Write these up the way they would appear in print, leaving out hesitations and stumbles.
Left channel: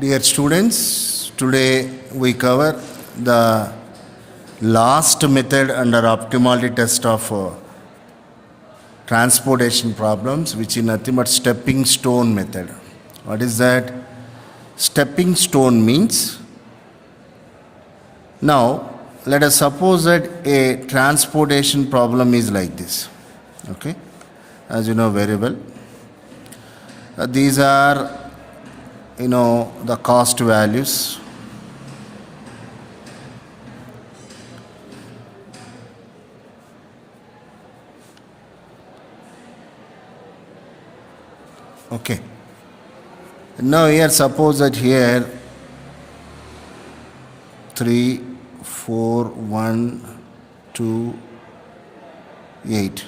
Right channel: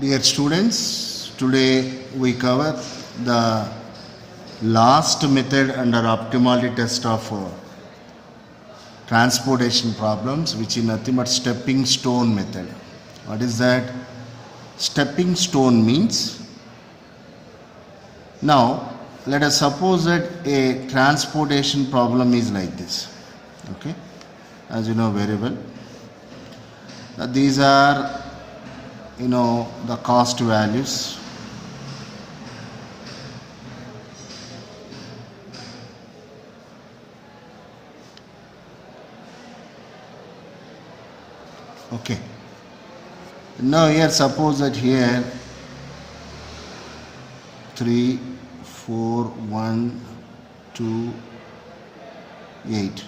Dear students, today we cover the last method under optimality test of transportation problems, which is nothing but stepping stone method. What is that? Stepping stone means, now let us suppose that a transportation problem is like this. Okay, as you know very well, these are the cost values. Okay, now here suppose that here 3 4 1 2 8.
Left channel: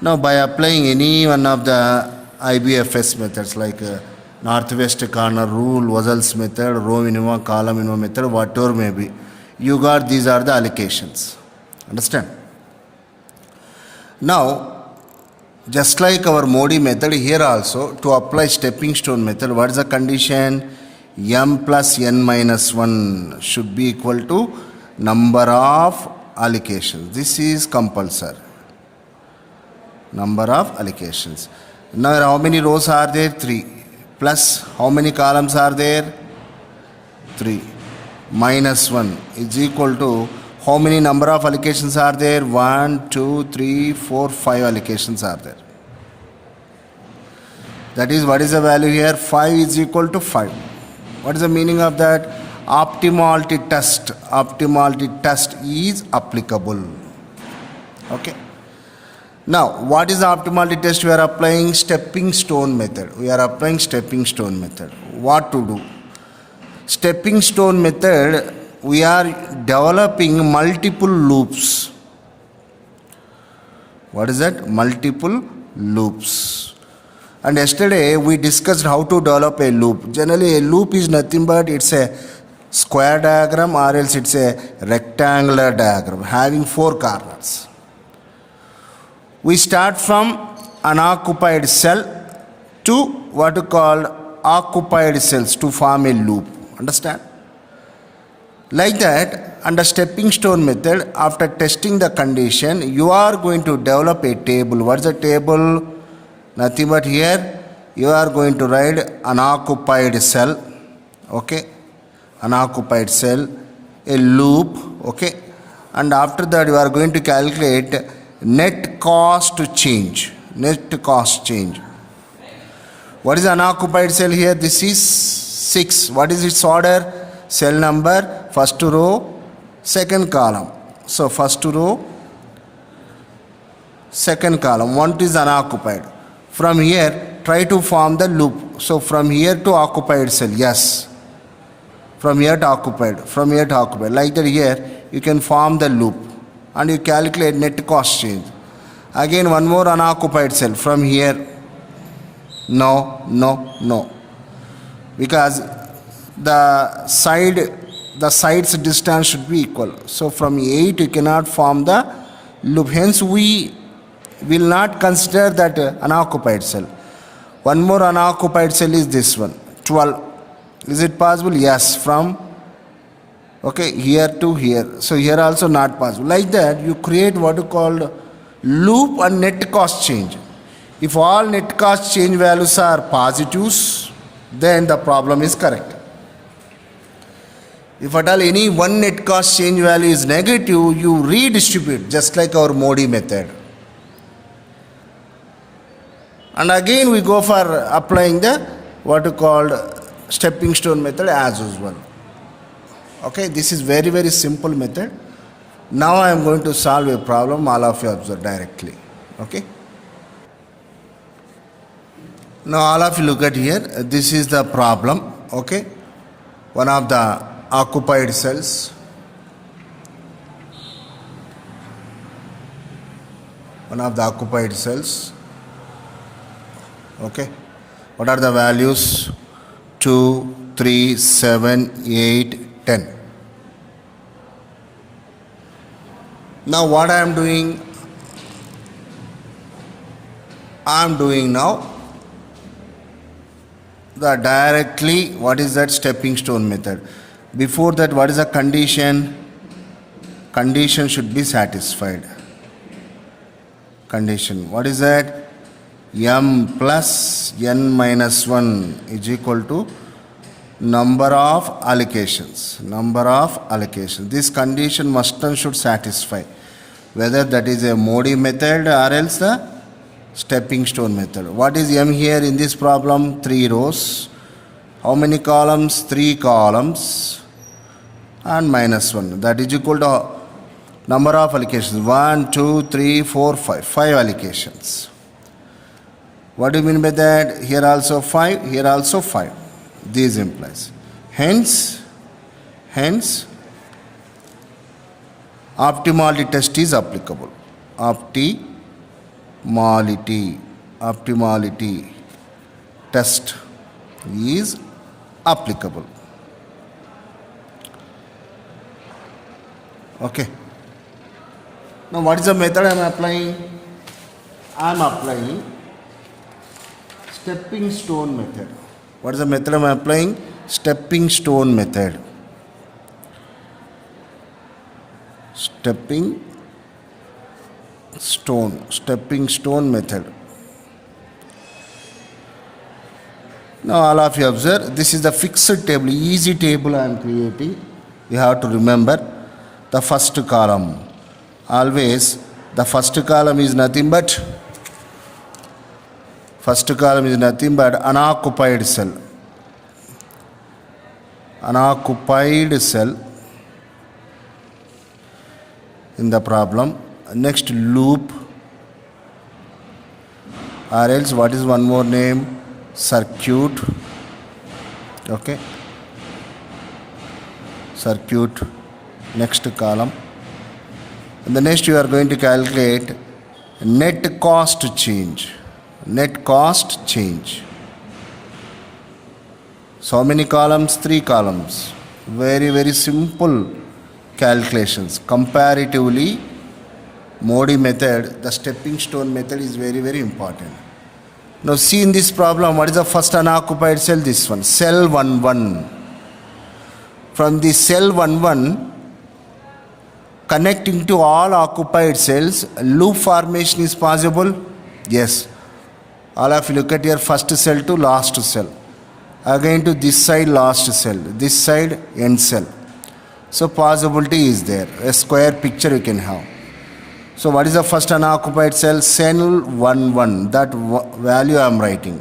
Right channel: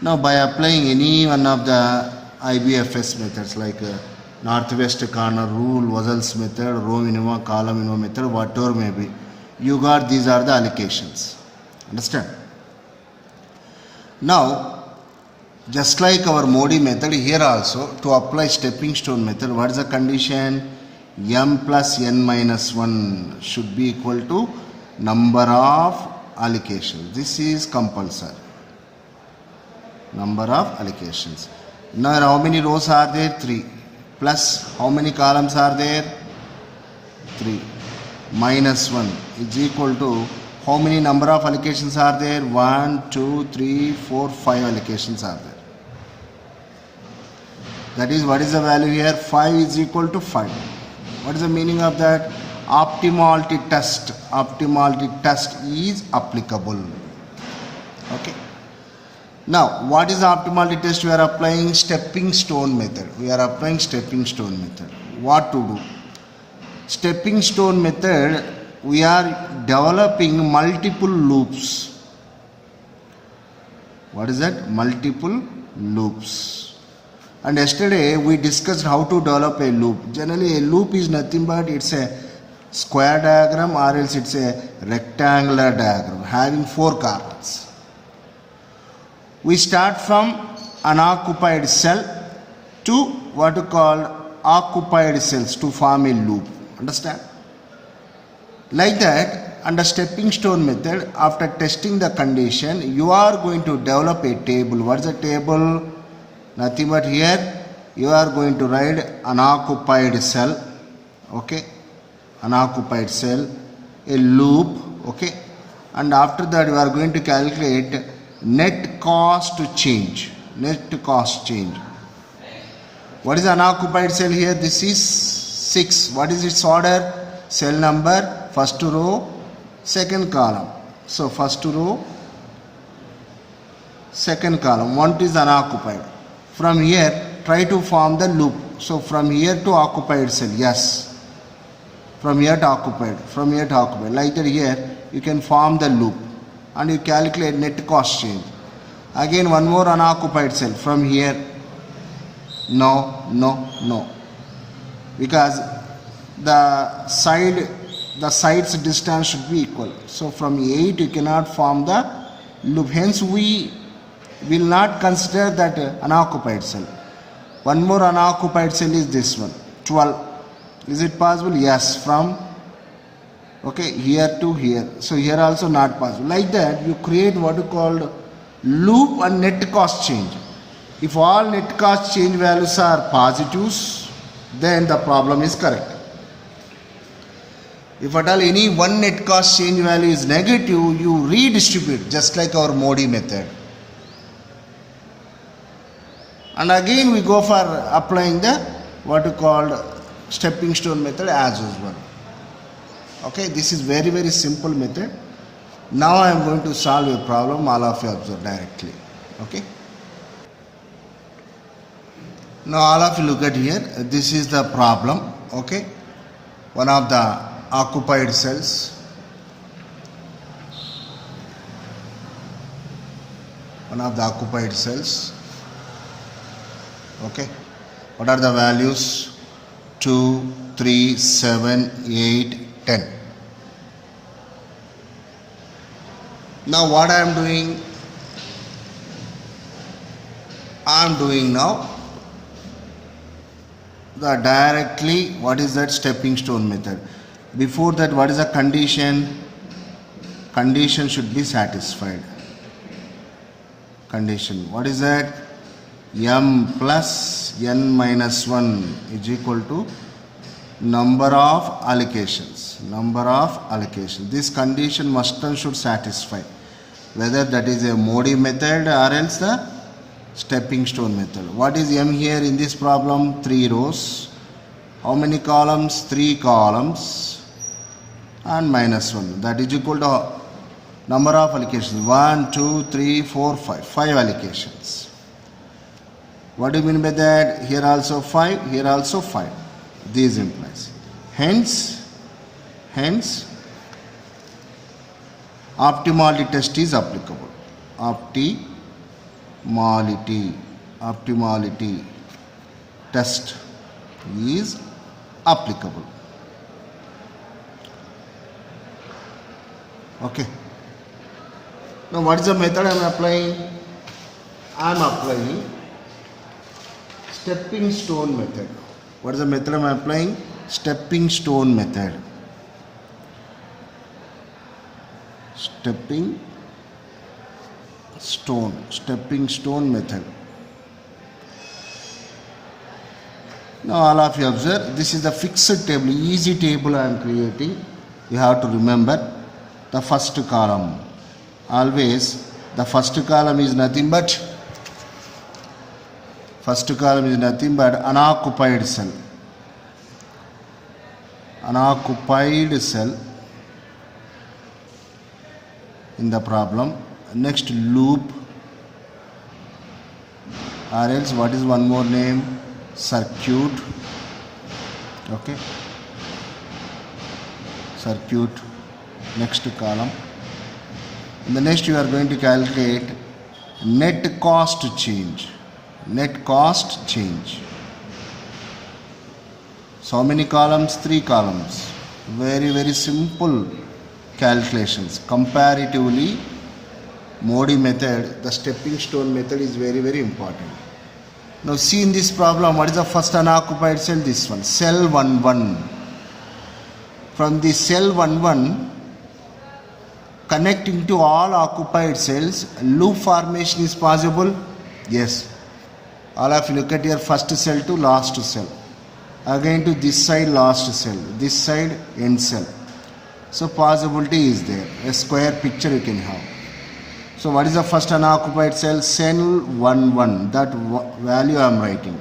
Now by applying any one of the IBFS methods like northwest corner rule, Wazel's method, row minimum, column minimum method, whatever may be, you got these are the allocations. Understand? Now, just like our Modi method, here also to apply stepping stone method, what is the condition? M plus n minus 1 should be equal to number of allocations. This is compulsory. Number of allocations. Now how many rows are there? 3. Plus how many columns are there? 3. Minus 1 is equal to how many number of allocations are there? 1, 2, 3, 4, 5 allocations are there. That is, what is the value here? 5 is equal to 5. What is the meaning of that? Optimality test. Optimality test is applicable. Okay. Now, what is the optimality test? We are applying stepping stone method. We are applying stepping stone method. What to do? Stepping stone method, we are developing multiple loops. What is that? Multiple loops. And yesterday we discussed how to develop a loop. Generally, a loop is nothing but it's a square diagram or else it's a rectangular diagram having 4 corners. We start from unoccupied cell to what we call occupied cells to form a loop. Understand? Like that, under stepping stone method, after testing the condition, you are going to develop a table. What is the table? Nothing but here you are going to write unoccupied cell. Okay, unoccupied cell, a loop. Okay, and after that you are going to calculate net cost change. Net cost change. What is unoccupied cell here? This is 6. What is its order? Cell number, first row, second column. So first row, second column. 1 is unoccupied. From here, try to form the loop. So from here to occupied cell, yes. From here to occupied, from here to occupied. Like that here, you can form the loop. And you calculate net cost change. Again one more unoccupied cell from here. No. Because the sides distance should be equal. So from 8 you cannot form the loop. Hence we will not consider that unoccupied cell. One more unoccupied cell is this one. 12. Is it possible? Yes. From here to here. So here also not possible. Like that you create what you call loop and net cost change. If all net cost change values are positives, then the problem is correct. If at all any one net cost change value is negative, you redistribute just like our Modi method. And again we go for applying the what you called stepping stone method as usual. Okay, this is very simple method. Now I am going to solve a problem. All of you observe directly. Okay. Now all of you look at here. This is the problem. Okay. One of the occupied cells. One of the occupied cells. Okay. What are the values? 2, 3, 7, 8, 10. Now what I am doing? I am doing now the directly, what is that? Stepping stone method. Before that, what is the condition? Condition should be satisfied. Condition, what is that? M plus n minus 1 is equal to number of allocations. Number of allocations. This condition must and should satisfy. Whether that is a Modi method or else the stepping stone method. What is M here in this problem? 3 rows. How many columns? 3 columns. And minus 1. That is equal to number of allocations. 1, 2, 3, 4, 5. 5 allocations. What do you mean by that? Here also 5, here also 5. These implies. Hence, optimality test is applicable. Optimality test is applicable. Okay. Now what is the method I am applying? I am applying stepping stone method. What is the method I am applying? Stepping stone method. Stepping stone method. Now all of you observe, this is the fixed table, easy table I am creating. You have to remember the first column. Always the first column is nothing but unoccupied cell. Unoccupied cell in the problem. Next loop, or else what is one more name? Circuit. Okay. Circuit. Next column. In the next you are going to calculate net cost change. Net cost change. So how many columns? 3 columns. Very, very simple calculations. Comparatively, Modi method, the stepping stone method is very, very important. Now see in this problem, what is the first unoccupied cell? This one, cell 11. From the cell 11, connecting to all occupied cells, loop formation is possible? Yes. All of you look at your first cell to last cell. Again to this side last cell, this side end cell. So possibility is there. A square picture you can have. So what is the first unoccupied cell? Cell 11. That value I am writing.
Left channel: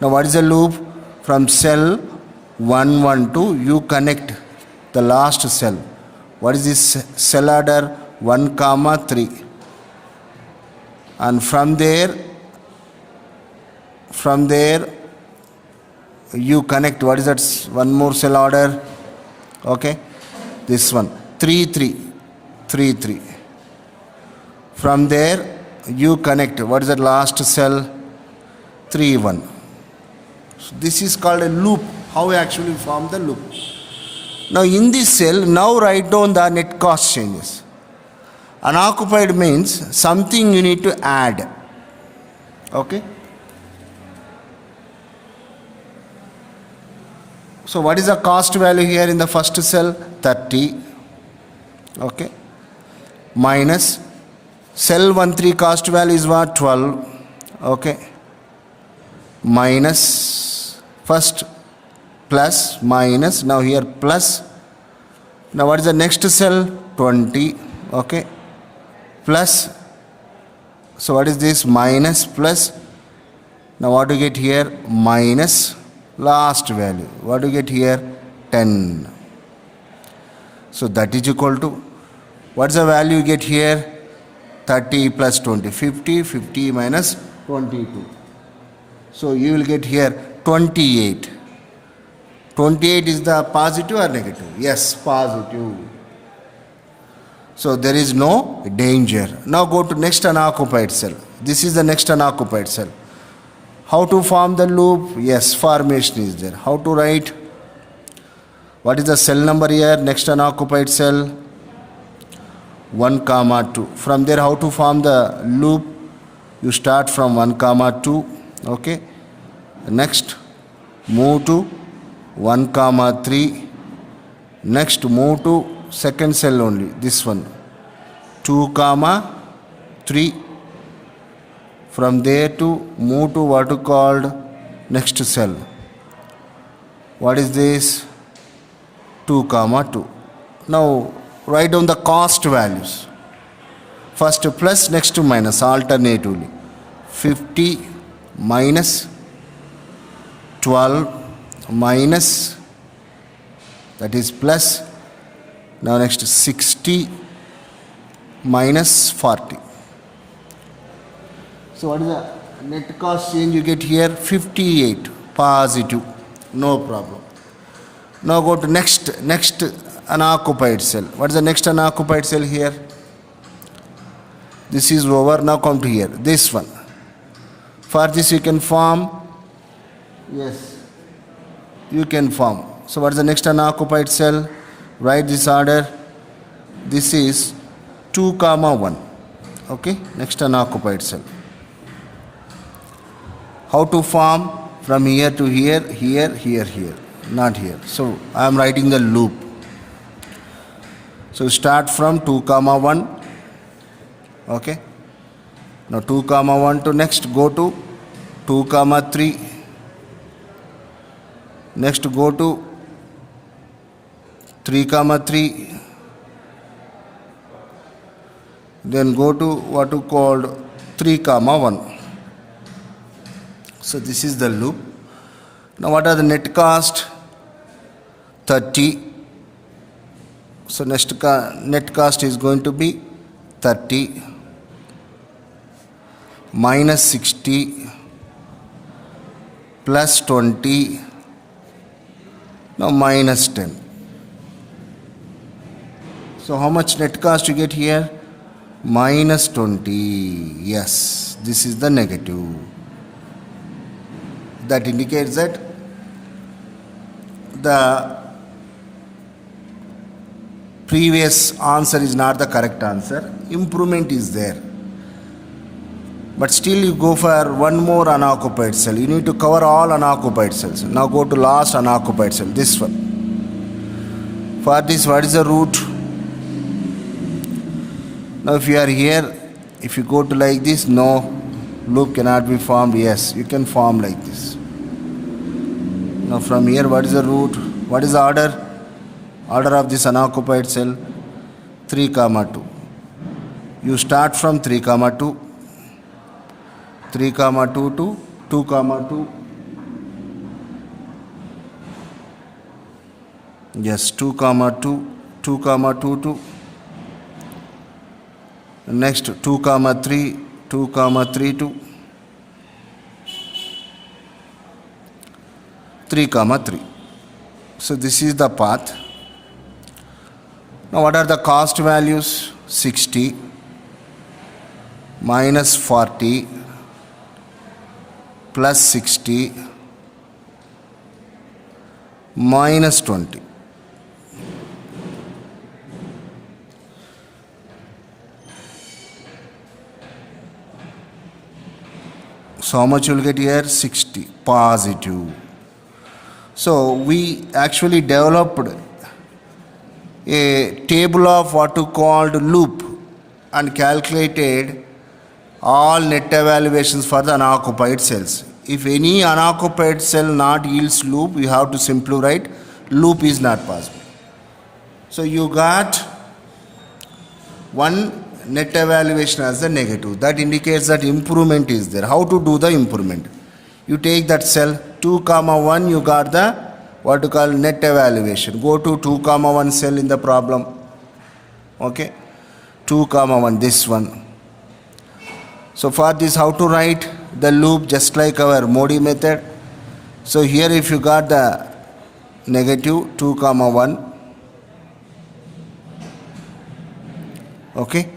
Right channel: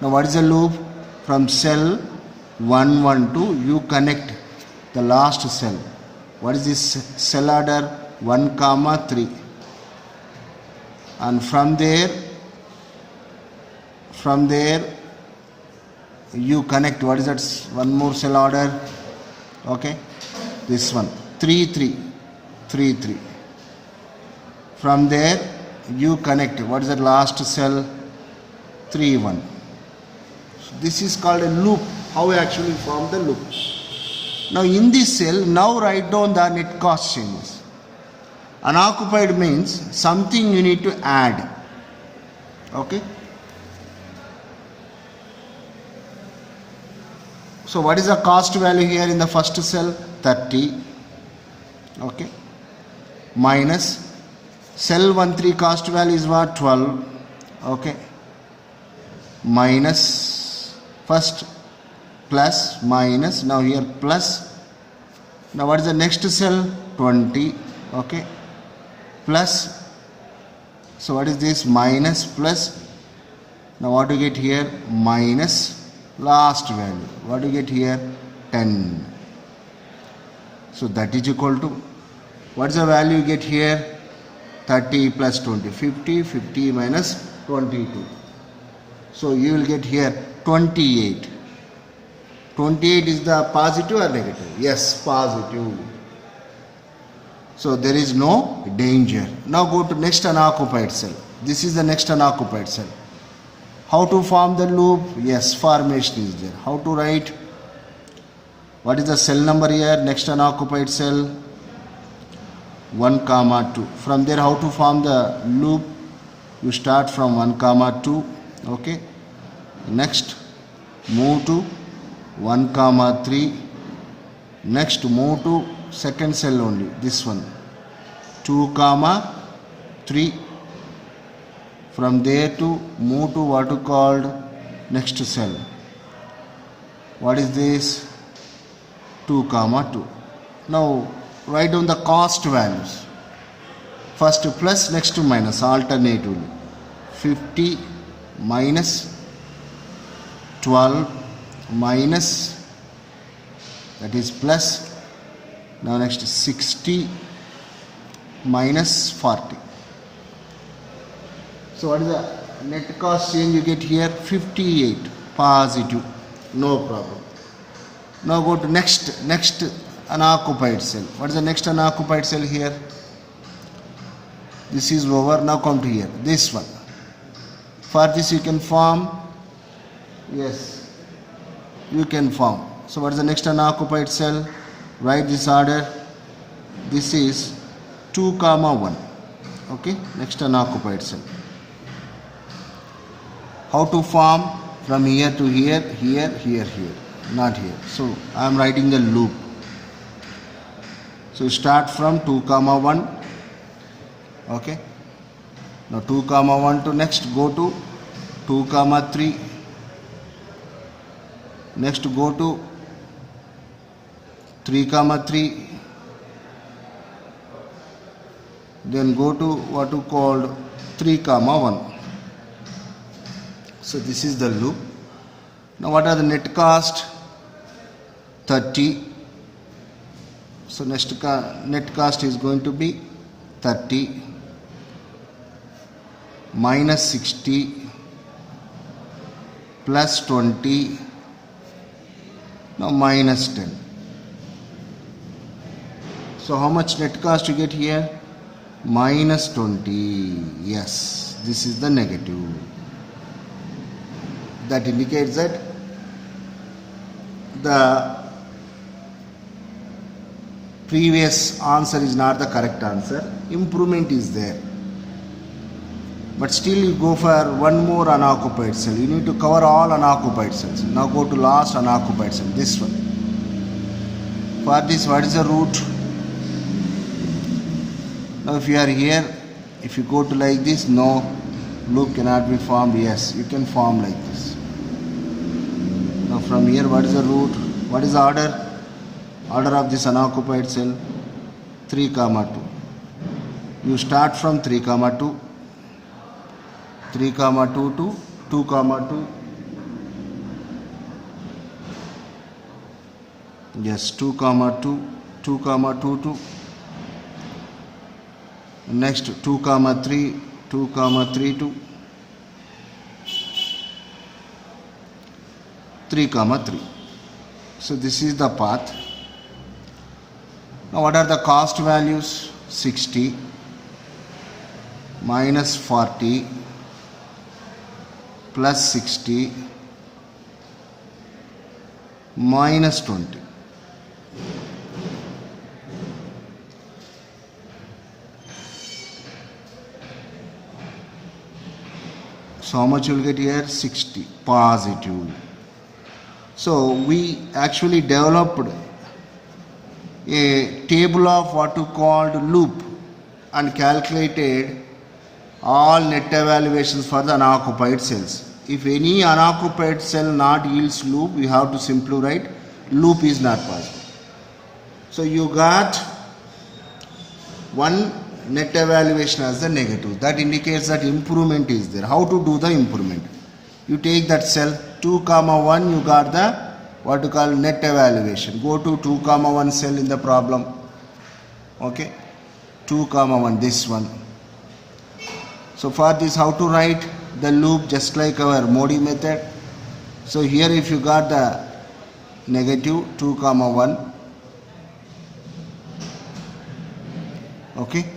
Now what is the loop? From cell 11 to you connect the last cell. What is this cell order? 1, 3. And from there you connect, what is that? One more cell order. Okay. This one. 3, 3. From there you connect, what is the last cell? 3, 1. So this is called a loop. How we actually form the loop. Now in this cell, now write down the net cost changes. Unoccupied means something you need to add. Okay. So what is the cost value here in the first cell? 30. Okay. Minus cell 13 cost value is what? 12. Okay. Minus first plus minus, now here plus. Now what is the next cell? 20. Okay. Plus. So what is this? Minus plus. Now what do you get here? Minus last value. What do you get here? 10. So that is equal to, what is the value you get here? 30 plus 20. 50. 50 minus 22. So you will get here 28. 28 is the positive or negative? Yes, positive. So there is no danger. Now go to next unoccupied cell. This is the next unoccupied cell. How to form the loop? Yes, formation is there. How to write? What is the cell number here? Next unoccupied cell? 1, 2. From there, how to form the loop? You start from 1, 2. Okay. Next, move to 1 comma 3. Next move to second cell only, this one, 2 comma 3. From there to move to what you called next cell. What is this? 2 comma 2. Now write down the cost values. First plus, next minus alternatively. 50 minus 12 minus, that is plus. Now next 60 minus 40. So what is the net cost change you get here? 58 positive, no problem. Now go to next unoccupied cell. What is the next unoccupied cell here? This is over. Now come to here, this one. For this you can form, yes, you can form. So what is the next unoccupied cell? Write this order. This is 2 comma 1. Okay, next unoccupied cell. How to form? From here to here, here, here, here, not here. So I am writing the loop. So start from 2 comma 1. Okay. Now 2 comma 1 to next go to 2 comma 3. Next go to 3 comma 3. Then go to what you called 3 comma 1. So this is the loop. Now what are the net cost? 30. So net cost is going to be 30 minus 60 plus 20, now minus 10. So how much net cost you get here? Minus 20. Yes, this is the negative. That indicates that the previous answer is not the correct answer. Improvement is there. But still you go for one more unoccupied cell. You need to cover all unoccupied cells. Now go to last unoccupied cell, this one. For this, what is the root? Now if you are here, if you go to like this, no, loop cannot be formed. Yes, you can form like this. Now from here, what is the root? What is the order? Order of this unoccupied cell? 3 comma 2. You start from 3 comma 2. 3 comma 2 to 2 comma 2. Yes, 2 comma 2, 2 comma 2 to next 2 comma 3, 2 comma 3 to 3 comma 3. So this is the path. Now what are the cost values? 60 minus 40 plus 60 minus 20. So how much you will get here? 60 positive. So we actually developed a table of what you called loop and calculated all net evaluations for the unoccupied cells. If any unoccupied cell not yields loop, you have to simply write loop is not possible. So you got one net evaluation as the negative. That indicates that improvement is there. How to do the improvement? You take that cell 2 comma 1, you got the what you call net evaluation. Go to 2 comma 1 cell in the problem. Okay, 2 comma 1, this one. So for this, how to write the loop? Just like our Modi method. So here if you got the negative 2 comma 1. Okay.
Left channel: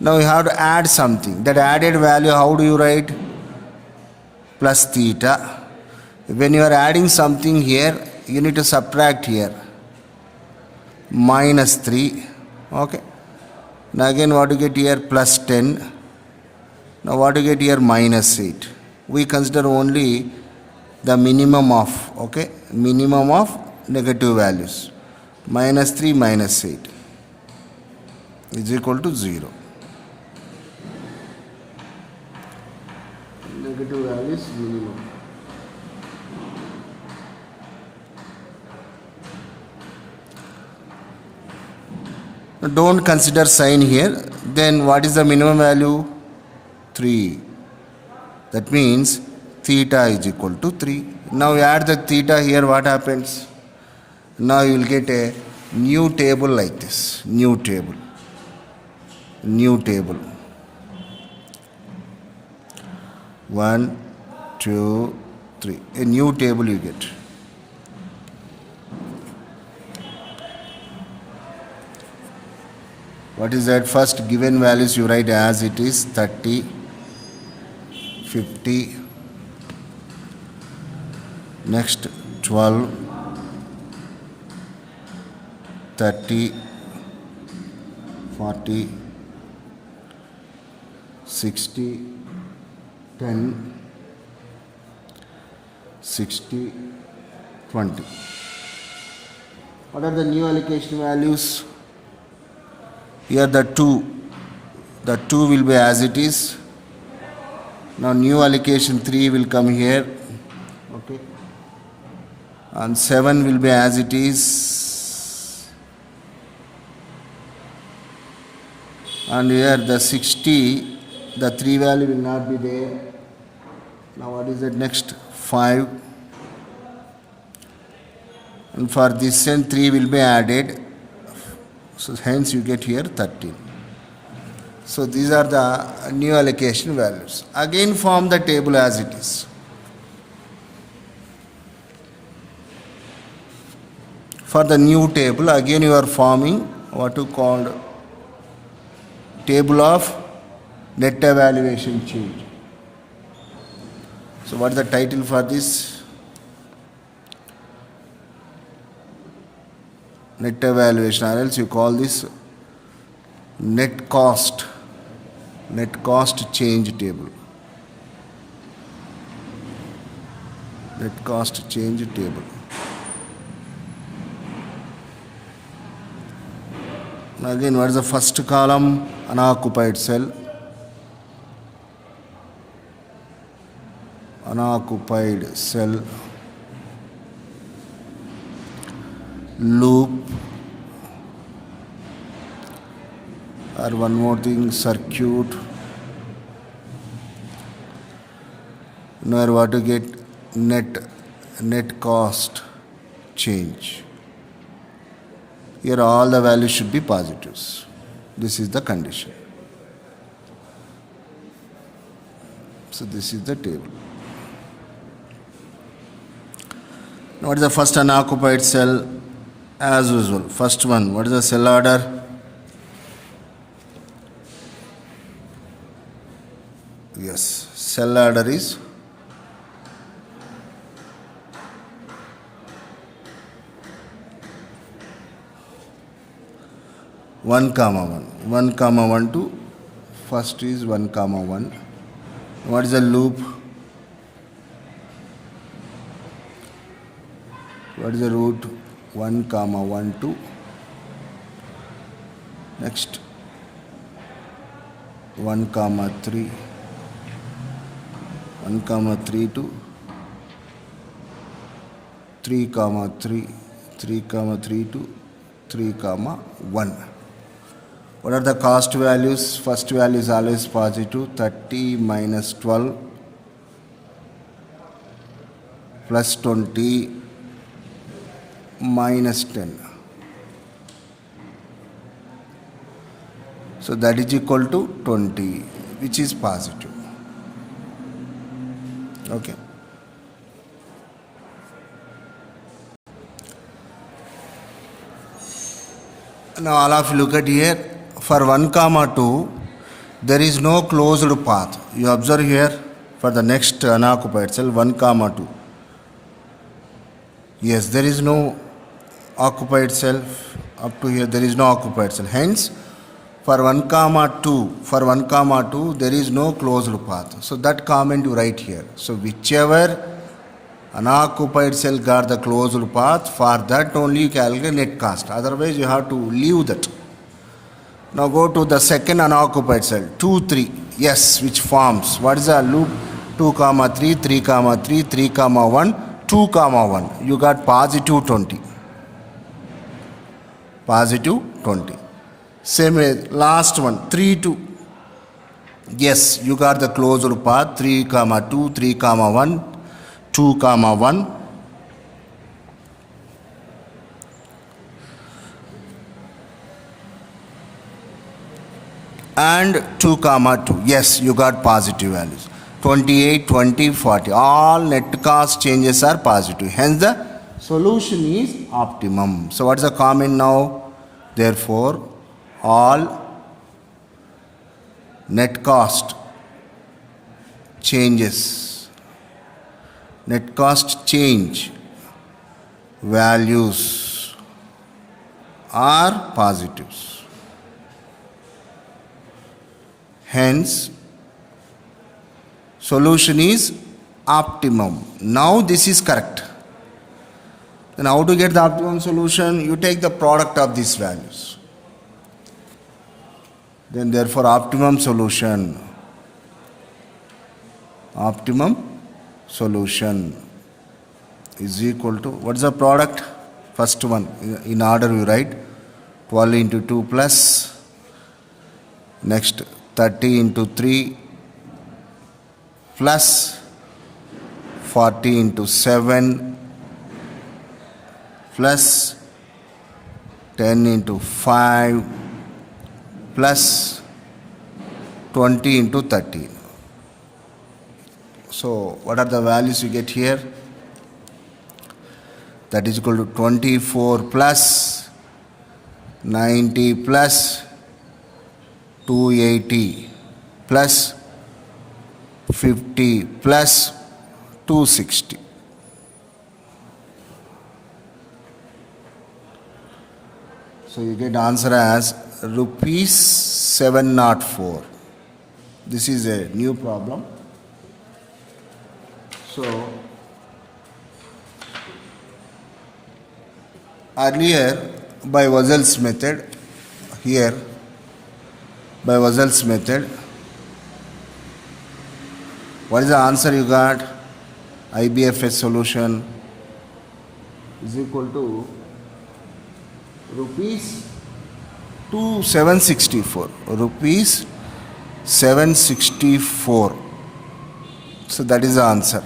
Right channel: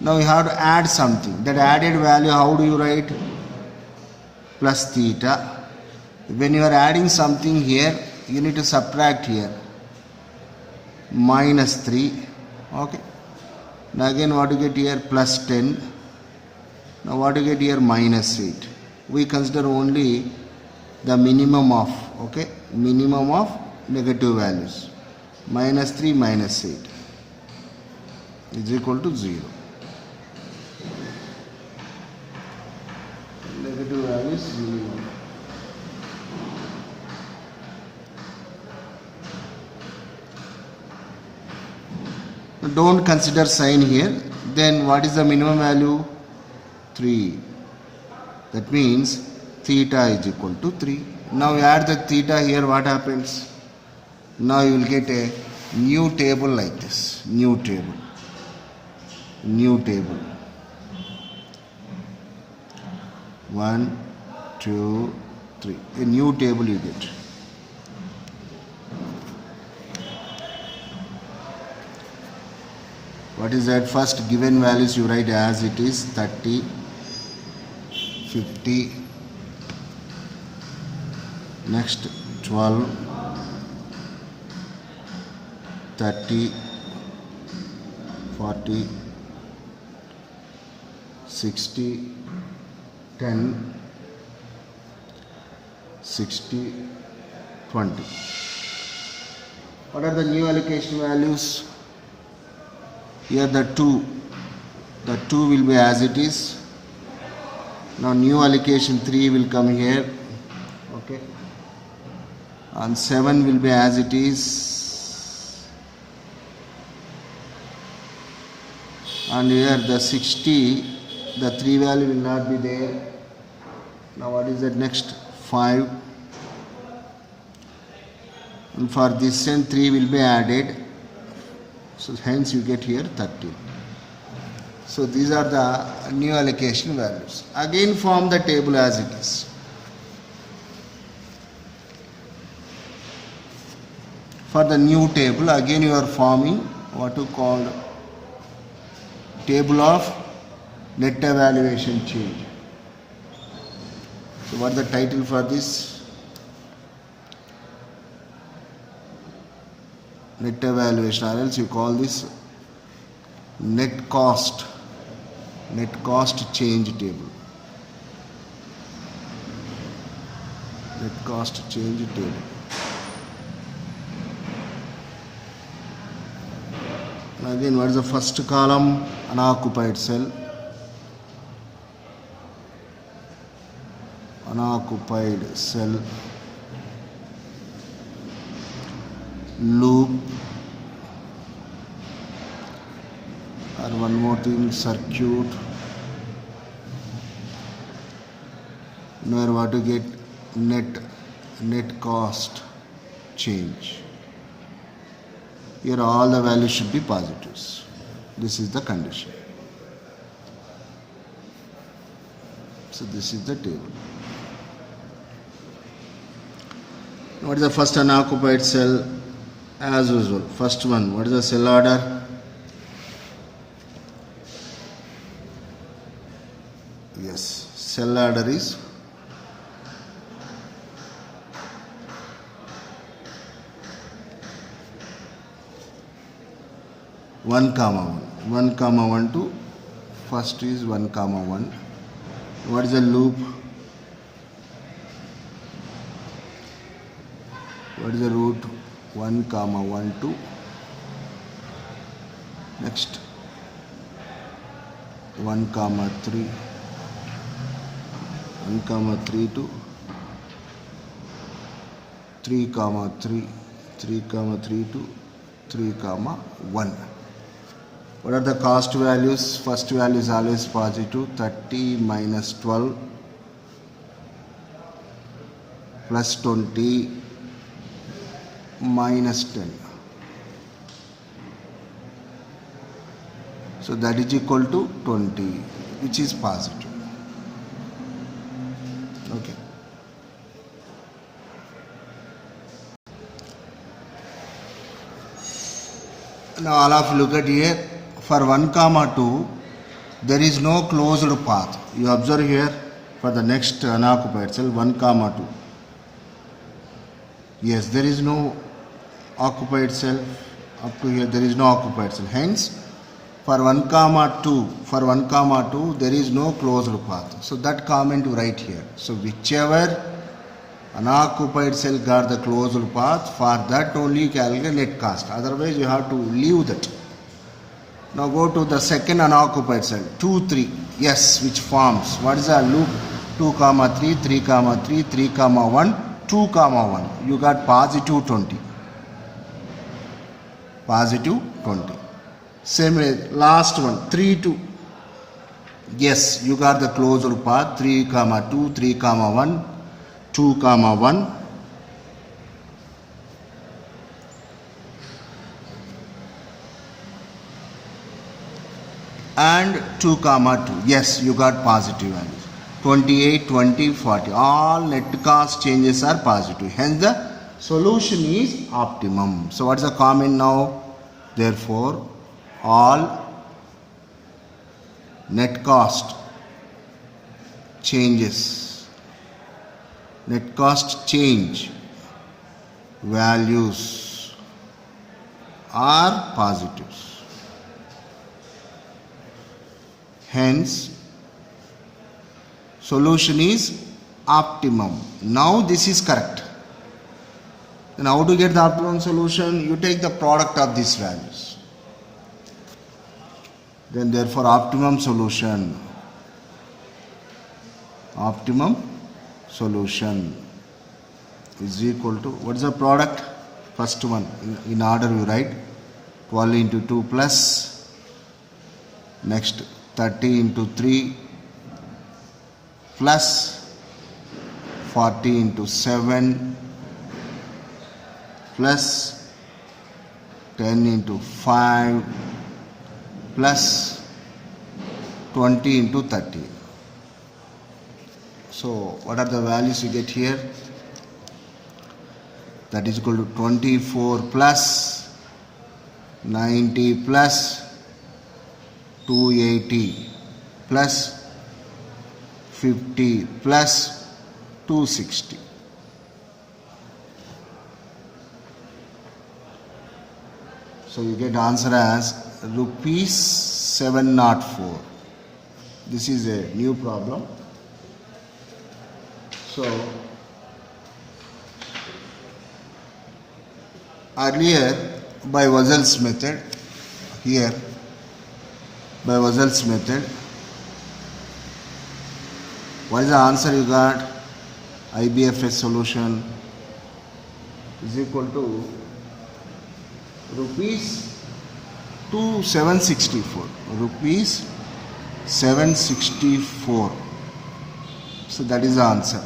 Now you have to add something. That added value, how do you write? Plus theta. When you are adding something here, you need to subtract here. Minus 3. Okay. Now again what you get here? Plus 10. Now what you get here? Minus 8. We consider only the minimum of, okay, minimum of negative values. Minus 3 minus 8 is equal to 0. Negative values minimum. Don't consider sign here. Then what is the minimum value? 3. That means theta is equal to 3. Now you add the theta here, what happens? Now you will get a new table like this. New table. 1, 2, 3. A new table you get. What is that? First given values you write as it is 30, 50, next 12, 30, 40, 60, 10, 60, 20. What are the new allocation values? Here the 2 will be as it is. Now new allocation 3 will come here, okay, and 7 will be as it is, and here the 60, the 3 value will not be there. Now what is the next? 5, and for this end 3 will be added. So hence you get here 13. So these are the new allocation values. Again form the table as it is. For the new table, again you are forming what you call table of net evaluation change. So what is the title for this? Net evaluation, or else you call this net cost change table. Net cost change table. Now again, what is the first column? Unoccupied cell. Unoccupied cell. Loop, or one more thing, circuit. Now what to get? Net cost change. Here all the values should be positives. This is the condition. So this is the table. Now what is the first unoccupied cell? As usual, first one, what is the cell order? Yes, cell order is one comma one to first is 1, 1. What is the loop? What is the root? 1, 1, 2. Next 1, 3. 1, 3 to 3, 3. 3, 3 to 3, 1. What are the cost values? First value is always positive. 30 minus 12 plus 20 minus 10. So that is equal to 20, which is positive. Okay. Now all of you look at here. For 1, 2, there is no closed path. You observe here for the next unoccupied cell 1, 2. Yes, there is no occupied cell. Up to here there is no occupied cell. Hence, for 1, 2, there is no closed path. So that comment you write here. So whichever Unoccupied cell got the closed path. For that only you calculate net cost. Otherwise you have to leave that. Now go to the second unoccupied cell. 2, 3. Yes, which forms? What is the loop? 2, 3, 3, 3, 3, 1, 2, 1. You got positive 20. Positive 20. Same way, last one. 3, 2. Yes, you got the closed path. 3, 2, 3, 1. 2, 1, and 2, 2. Yes, you got positive values. 28, 20, 40. All net cost changes are positive. Hence, the solution is optimum. So, what is the comment now? Therefore, all net cost changes. Net cost change values are positives. Hence, solution is optimum. Now this is correct. Then how to get the optimum solution? You take the product of these values. Then therefore optimum solution. Optimum solution is equal to, what is the product? First one, in order we write 12 into 2 plus, next 30 into 3 plus 40 into 7 plus 10 into 5 plus 20 into 30. So, what are the values you get here? That is equal to 24 plus 90 plus 280 plus 50 plus 260. So, you get answer as rupees 704. This is a new problem. So, earlier by Wuzel's method, here by Wuzel's method, what is the answer you got? IBFS solution is equal to rupees 764. Rupees 764. So that is the answer.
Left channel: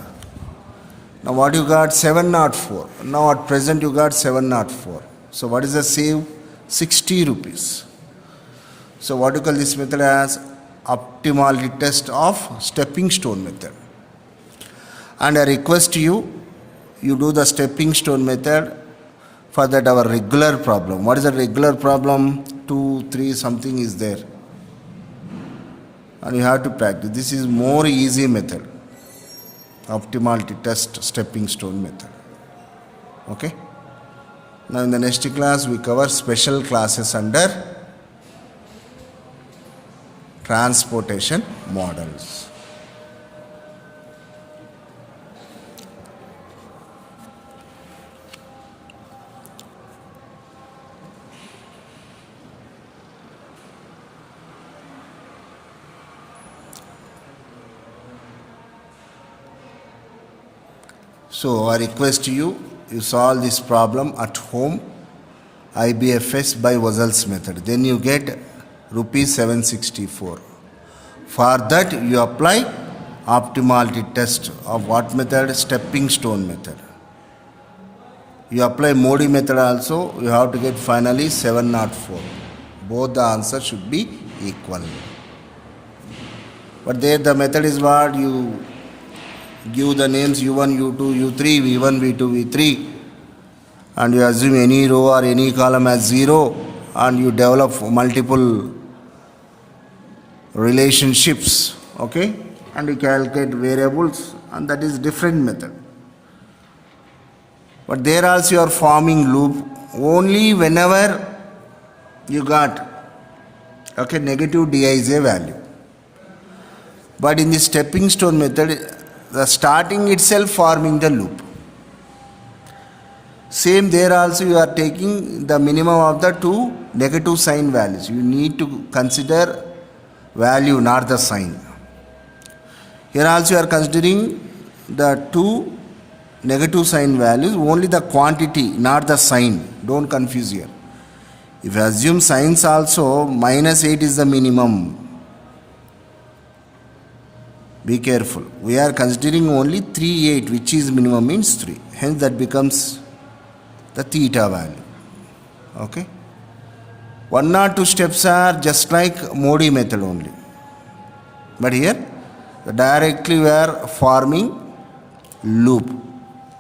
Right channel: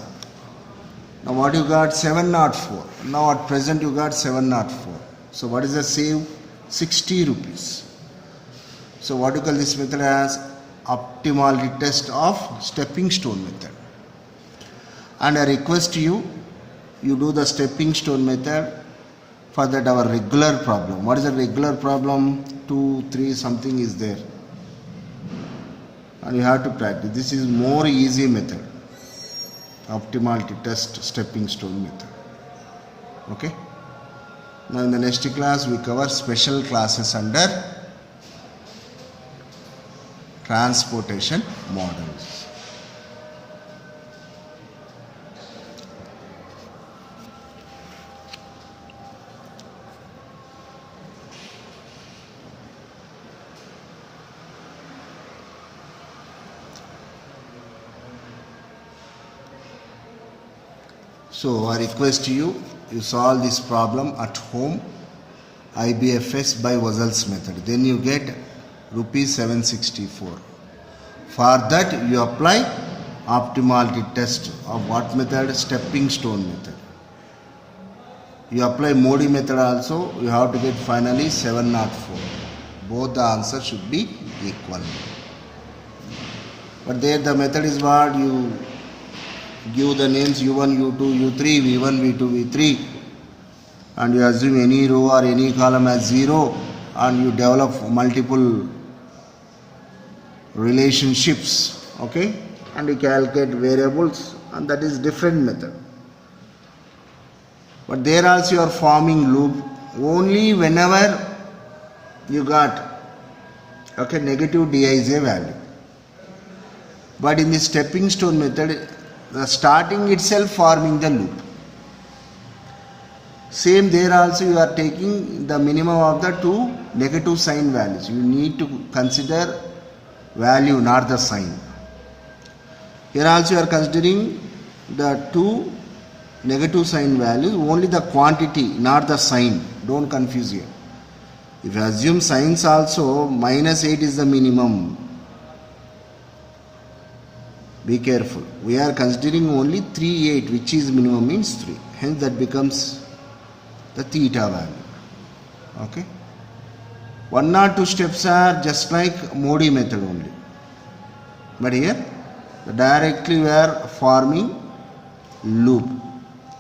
Now what you got? 704. Now at present you got 704. So what is the save? 60 rupees. So what you call this method as optimality test of stepping stone method. And I request you do the stepping stone method for that our regular problem. What is the regular problem? 2, 3 something is there. And you have to practice. This is more easy method. Optimality test stepping stone method. Okay. Now in the next class we cover special classes under transportation models. So I request you solve this problem at home, IBFS by Wuzel's method. Then you get rupees 764. For that you apply optimality test of what method? Stepping stone method. You apply Modi method also, you have to get finally 704. Both the answers should be equal. But there the method is what? You give the names U1, U2, U3, V1, V2, V3, and you assume any row or any column as 0, and you develop multiple relationships, okay, and you calculate variables, and that is different method. But there also you are forming loop only whenever you got, okay, negative Dij value. But in the stepping stone method, the starting itself forming the loop. Same there also you are taking the minimum of the two negative sign values. You need to consider value, not the sign. Here also you are considering the two negative sign values, only the quantity, not the sign. Don't confuse here. If you assume signs also, -8 is the minimum. Be careful. We are considering only 3, 8, which is minimum means 3. Hence that becomes the theta value. Okay. 1 or 2 steps are just like Modi method only. But here directly we are forming loop.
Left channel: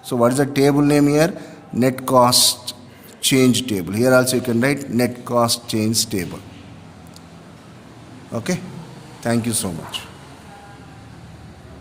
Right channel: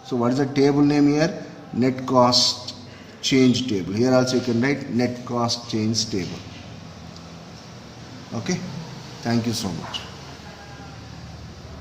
So what is the table name here? Net cost change table. Here also you can write net cost change table. Okay. Thank you so much.